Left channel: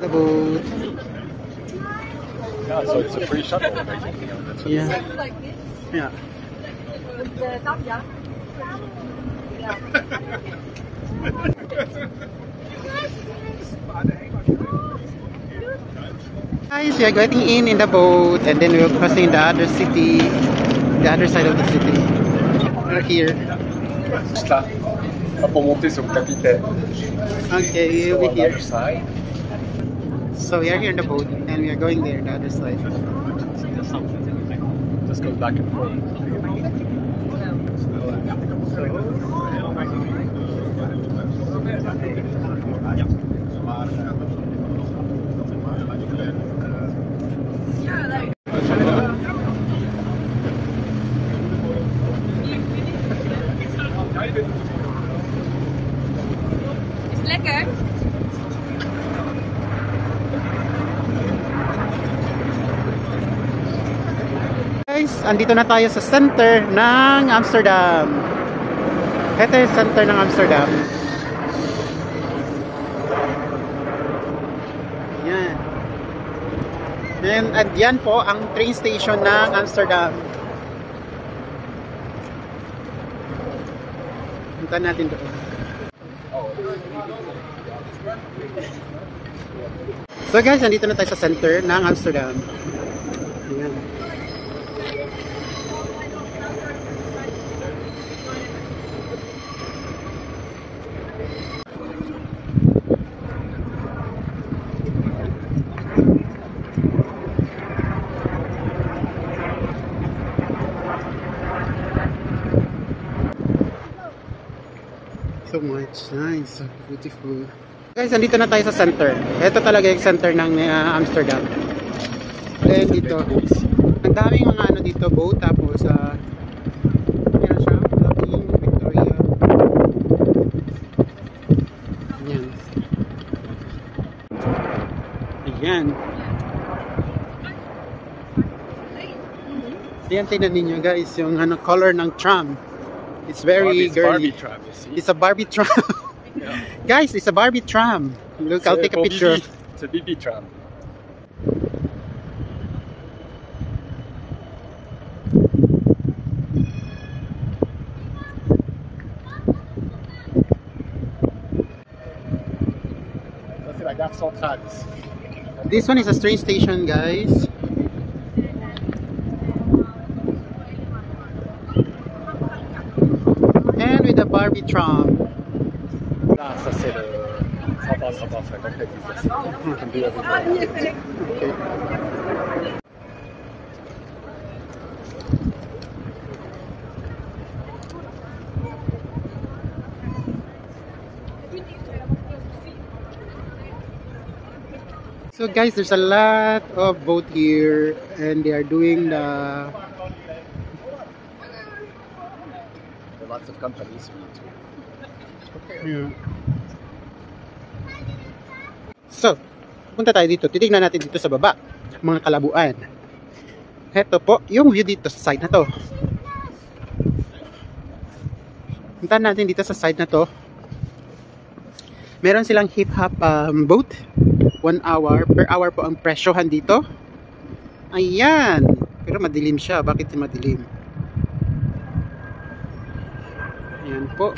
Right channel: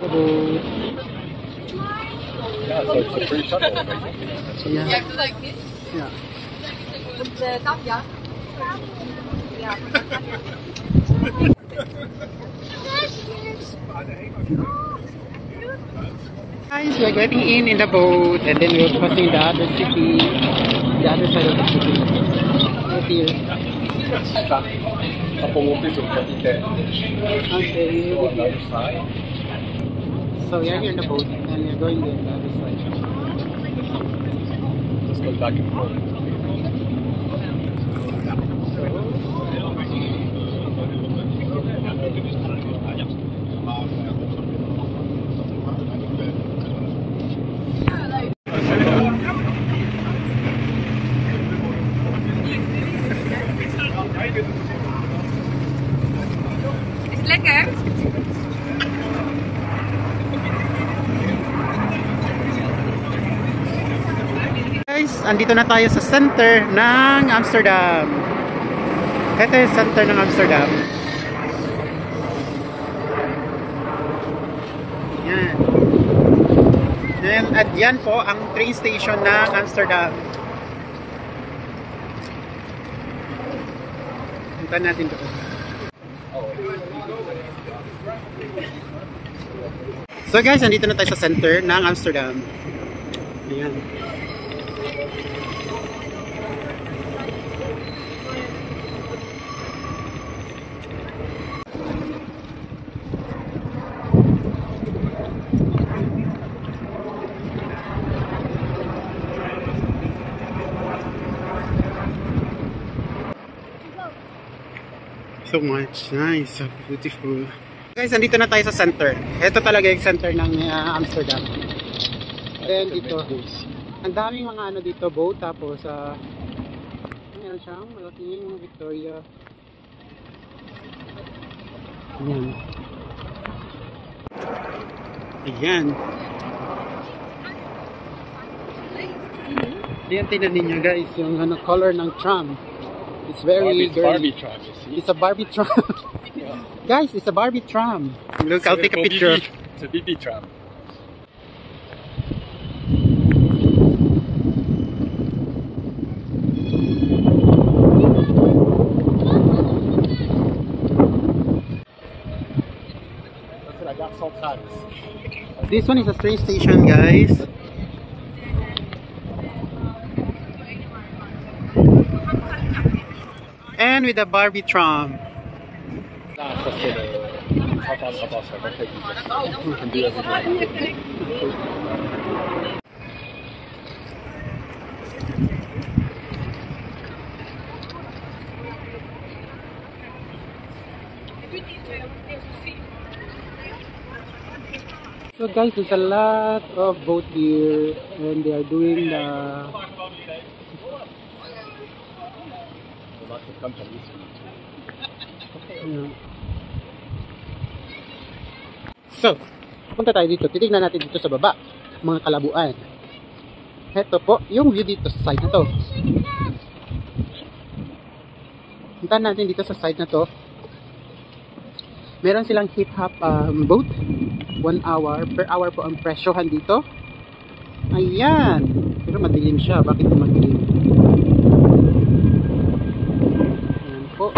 The boat. Yeah, so it's a free shuttle, basically. Yeah. Yeah. Guys, we are getting in the boat and then we're crossing the other city, the other side of the city. We're here. Okay, we'll be here. So we are here in the boat and we are going there, the other side. Just goes back and forth. Lekker. Guys, andito na tayo sa center ng Amsterdam. Ito yung center ng Amsterdam. Yan. And yan po ang train station ng Amsterdam. Punta natin doon. So guys, andito na tayo sa center ng Amsterdam. Ayan. So much nice, so beautiful. Guys, andito na tayo sa center. Ito talaga yung center ng Amsterdam. Then dito, ang daming mga ano dito, boat, tapos ano siya, daming Victoria. Ayan. Ayan. Ayan, tingnan ninyo guys, yung ano, color ng tram. It's very girly. Barbie tram, you see? It's a Barbie tram. Yeah. Guys, it's a Barbie tram. Look, I'll take a picture. It's a BB tram. This one is a train station, guys. And with the Barbie tram. Can do everything. So guys, there's a lot of boat here and they are doing the... There are lots of companies. Yeah. So, punta tayo dito. Titignan natin dito sa baba, mga kalabuan. Ito po, yung view dito sa side na to. Punta natin dito sa side na to. Meron silang hip-hop boat. 1 hour. Per hour po ang presyohan dito. Ayan. Pero madilim siya. Bakit ito madilim? Ayan po.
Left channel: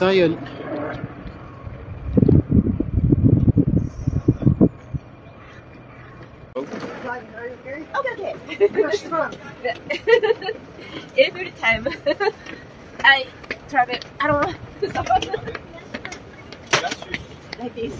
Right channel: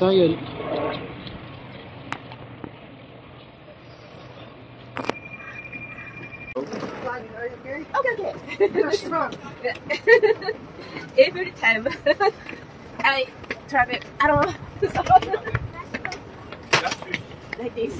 So, yun. Okay. Every time I travel, I don't know. Like this.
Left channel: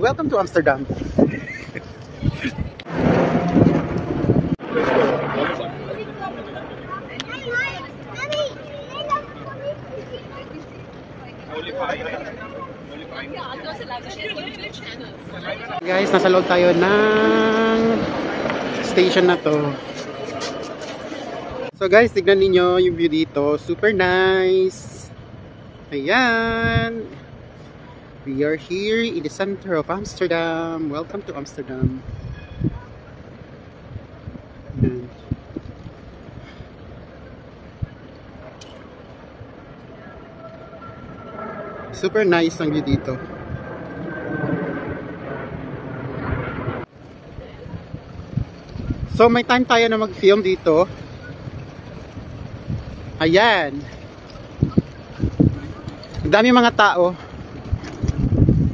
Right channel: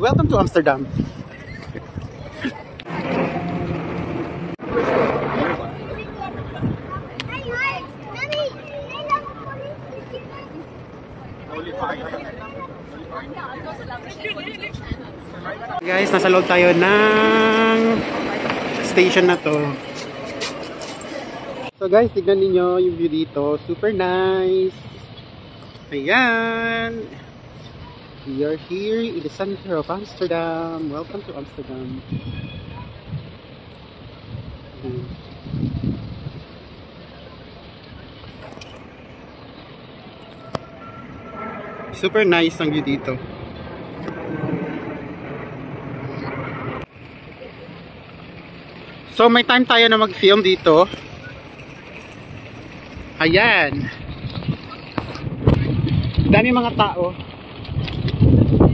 Welcome to Amsterdam. Guys, nasa loob tayo ng station na to. So guys, tignan niyo yung view dito. Super nice. Ayan. We are here in the center of Amsterdam. Welcome to Amsterdam. Ayan. Super nice ang view dito. So may time tayo na mag-film dito. Ayan. Dami mga tao.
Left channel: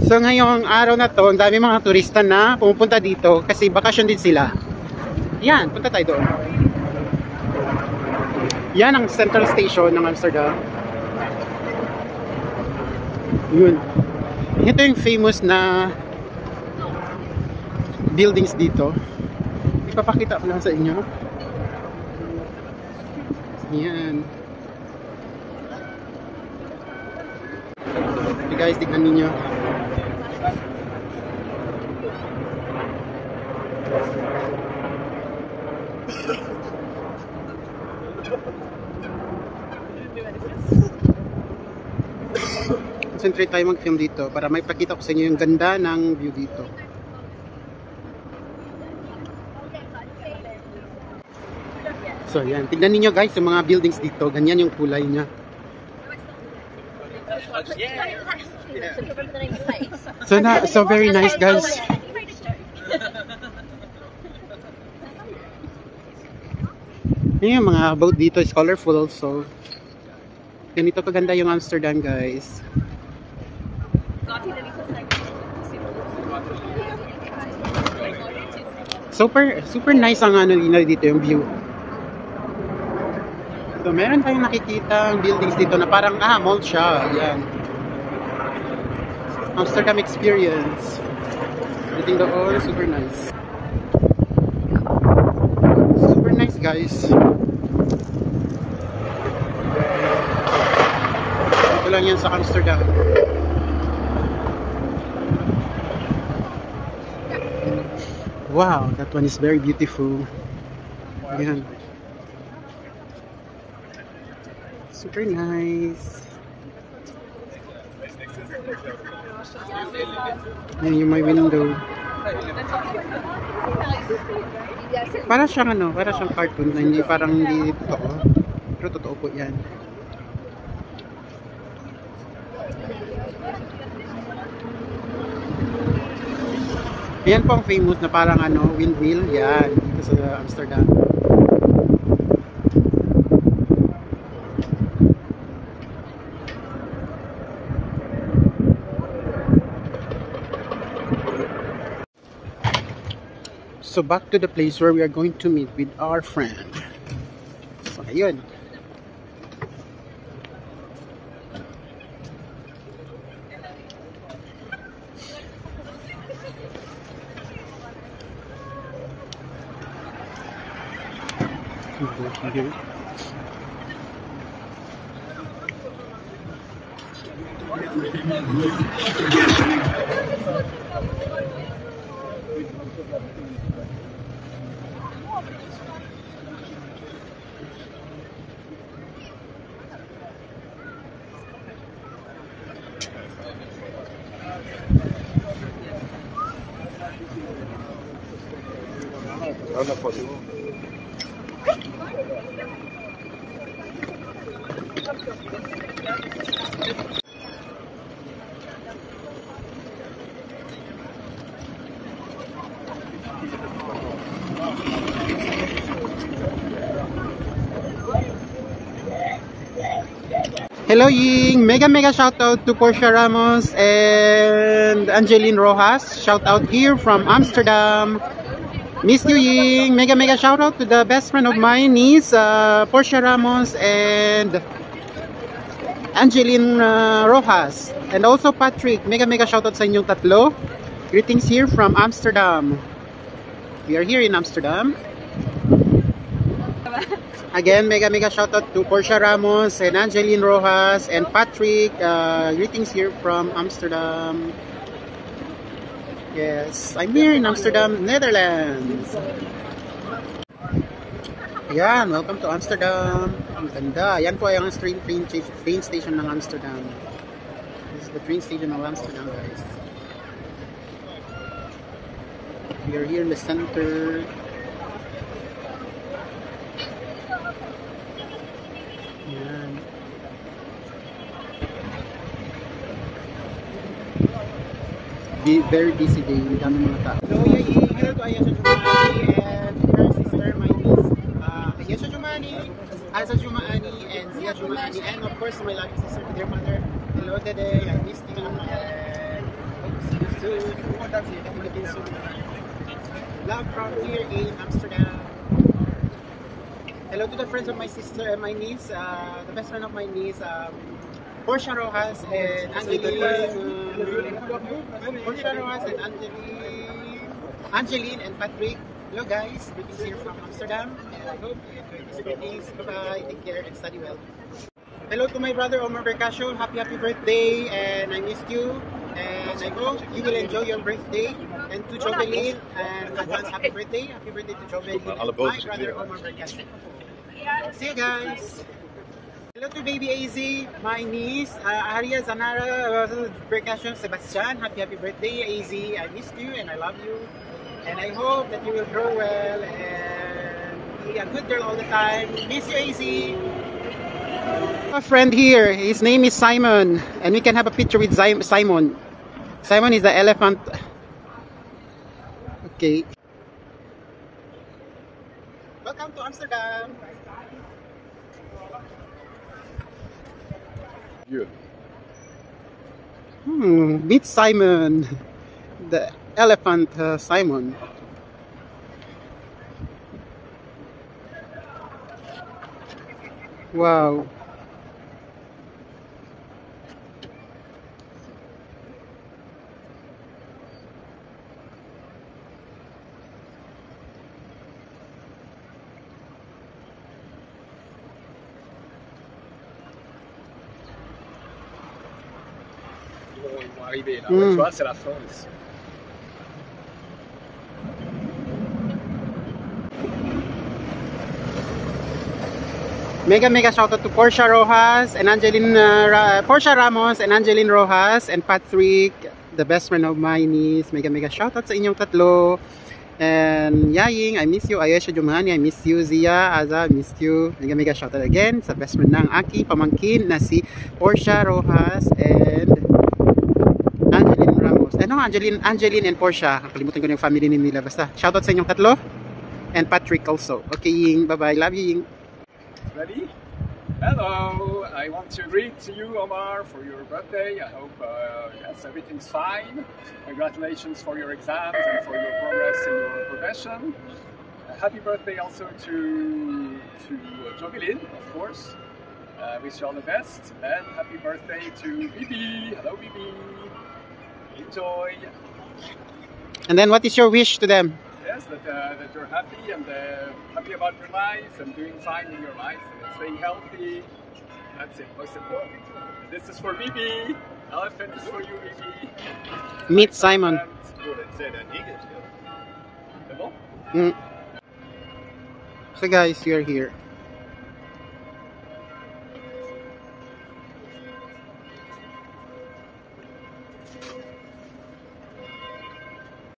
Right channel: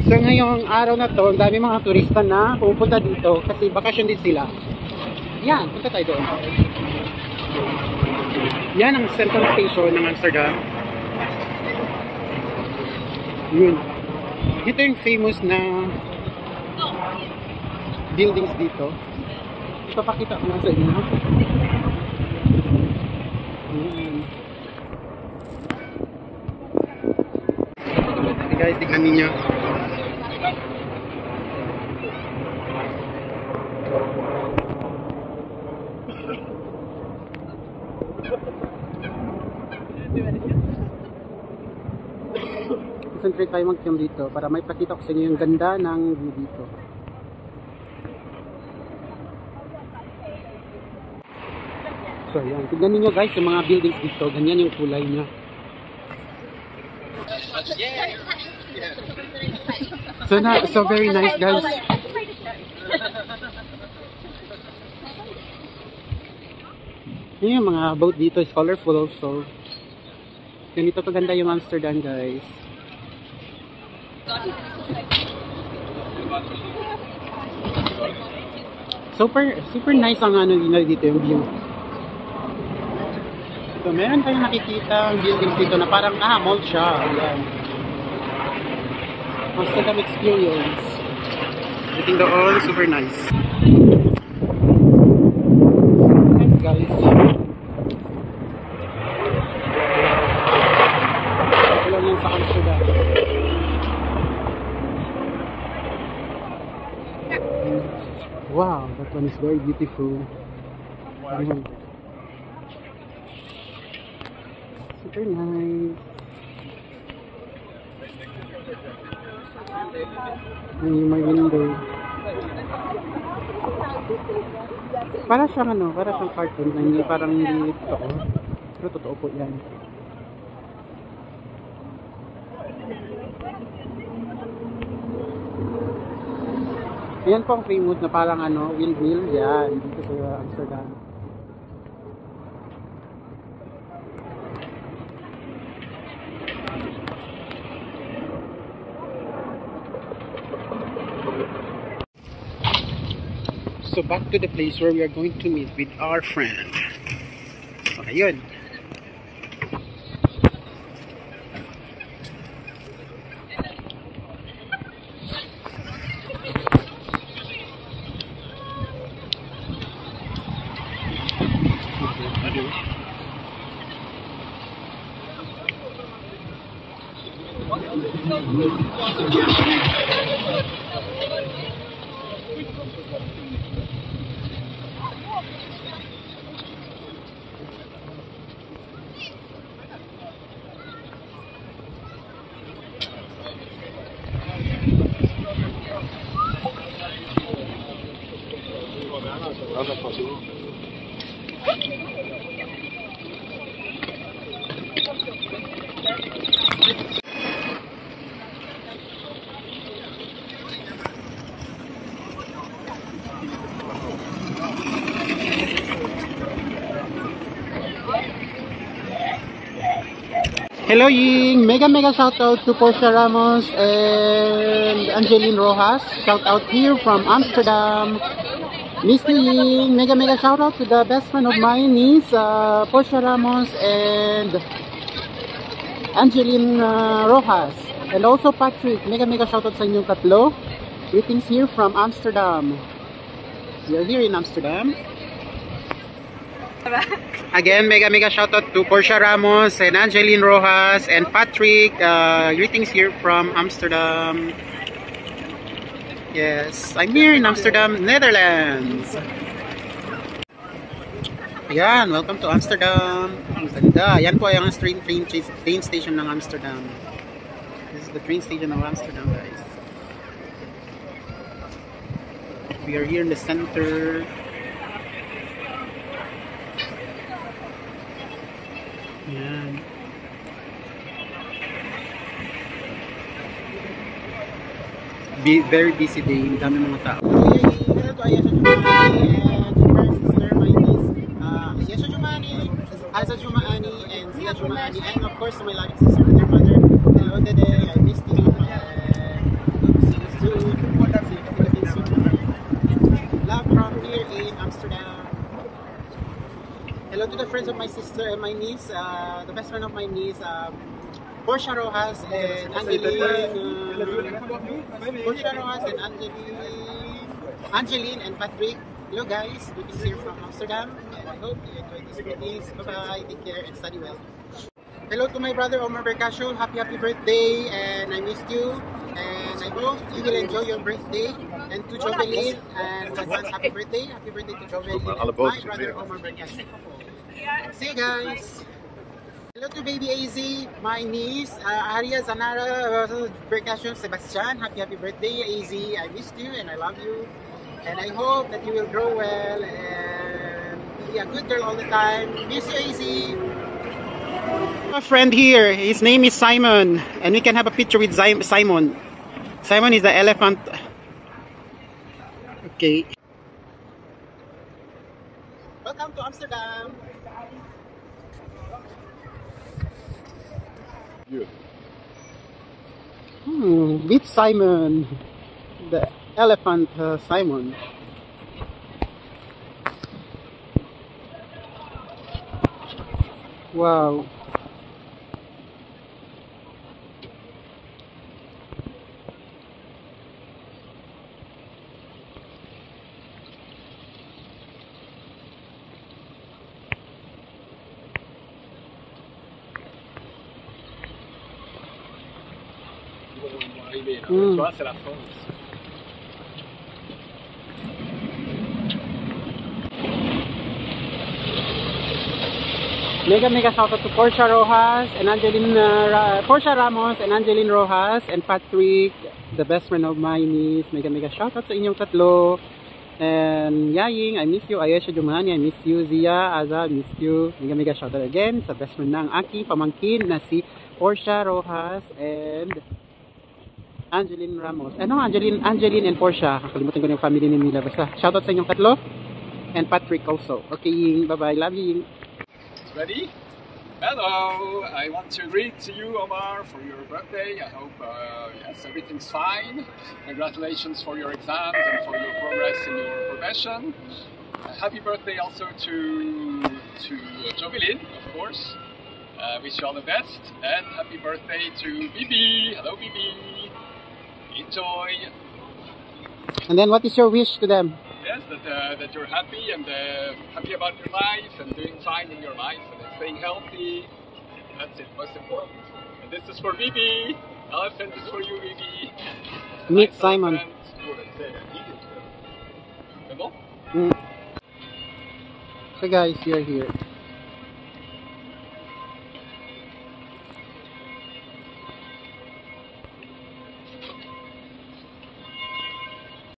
So ngayong araw na to, ang dami mga turista na pumupunta dito kasi bakasyon din sila. Yan, punta tayo doon. Yan ang central station ng Amsterdam. Yun. Ito yung famous na buildings dito. Ipapakita ko lang sa inyo. Yan. Okay guys, tignan ninyo. Concentrate tayo mag-film dito para may pakita ko sa inyo yung ganda ng view dito. So yan, tignan niyo guys yung mga buildings dito, ganyan yung kulay niya. So very nice guys. Yung mga boat dito is colorful, so ganito kaganda yung Amsterdam guys. Super nice ang ano dito yung view. So meron tayong nakikita ang buildings dito na parang mall siya. Yan. Amsterdam experience. Everything doon super nice. Super nice guys. Ito lang yan sa Amsterdam. Wow, that one is very beautiful. Ayan. Super nice. Ayan yung my window. Para siyang cartoon na hindi totoo. Pero totoo po yan. Ayan po ang famous na parang windmill. Yan, dito sa Amsterdam. So back to the place where we are going to meet with our friend. So ayun. Okay. Hello Ying! Mega shout out to Portia Ramos and Angeline Rojas. Shout out here from Amsterdam. Miss you Ying! Mega shout out to the best friend of mine, niece Portia Ramos and Angeline Rojas. And also Patrick. Mega shout out sa inyong tatlo. Greetings here from Amsterdam. We are here in Amsterdam. Again, mega shout out to Portia Ramos and Angeline Rojas and Patrick. Greetings here from Amsterdam. Yes, I'm here in Amsterdam, Netherlands. Ayan, welcome to Amsterdam. Ang ganda. Yan po yung train station ng Amsterdam. This is the train station of Amsterdam, guys. We are here in the center. Yan. Very busy day. Dami mga tao. Hello to Ayesha Jumani and to her sister, my niece, Ayesha Jumani, Aza Jumani, and Zia Jumani, and of course to my loving sister and their mother. Hello today. I missed you and hope to see you soon. See you in the Philippines soon. Love from here in Amsterdam. Hello to the friends of my sister and my niece, the best friend of my niece, Portia Rojas and Portia Rojas and Angeline and Patrick. Hello guys, greetings here from Amsterdam, and I hope you enjoy these greetings. Bye bye, take care and study well. Hello to my brother Omar Bercasio, happy birthday, and I missed you, and I hope you will enjoy your birthday. And to Jovelyn and advance happy birthday to Jovelyn and my brother Omar Bercasio. See you guys. Hello to baby AZ, my niece, Aria Zanara Bercasio Sebastian. Happy birthday AZ. I missed you and I love you. And I hope that you will grow well and be a good girl all the time. Miss you AZ. A friend here, his name is Simon. And we can have a picture with Simon. Simon is the elephant. Okay. Welcome to Amsterdam. Good. Meet Simon, the elephant Simon. Wow. Arrivé là. Tu vois, c'est la fin ici. Mega shoutout to Portia Rojas and Angeline, Portia Ramos and Angeline Rojas and Patrick, the best friend of my niece. Mega shoutout sa inyong tatlo. And Yaying, I miss you. Ayesha Jumani, I miss you. Zia, Aza, I miss you. Mega shoutout again sa best friend ng aking pamangkin na si Portia Rojas and Angeline Ramos. Ano, Angeline and Portia. Kalimutan ko na yung family nila. Basta shoutout sa inyong tatlo. And Patrick also. Okay, Ying. Bye-bye. Love you, Ying. Ready? Hello! I want to greet to you, Omar, for your birthday. I hope yes, everything's fine. Congratulations for your exams and for your progress in your profession. Happy birthday also to Jovelyn, of course. Wish you all the best. And happy birthday to Bibi. Hello, Bibi. Enjoy. And then what is your wish to them? Yes, that you're happy and happy about your life and doing fine in your life and staying healthy. That's it, most important. And this is for Bibi. Elephant is for you, Bibi. Meet Simon. So guys, we are here.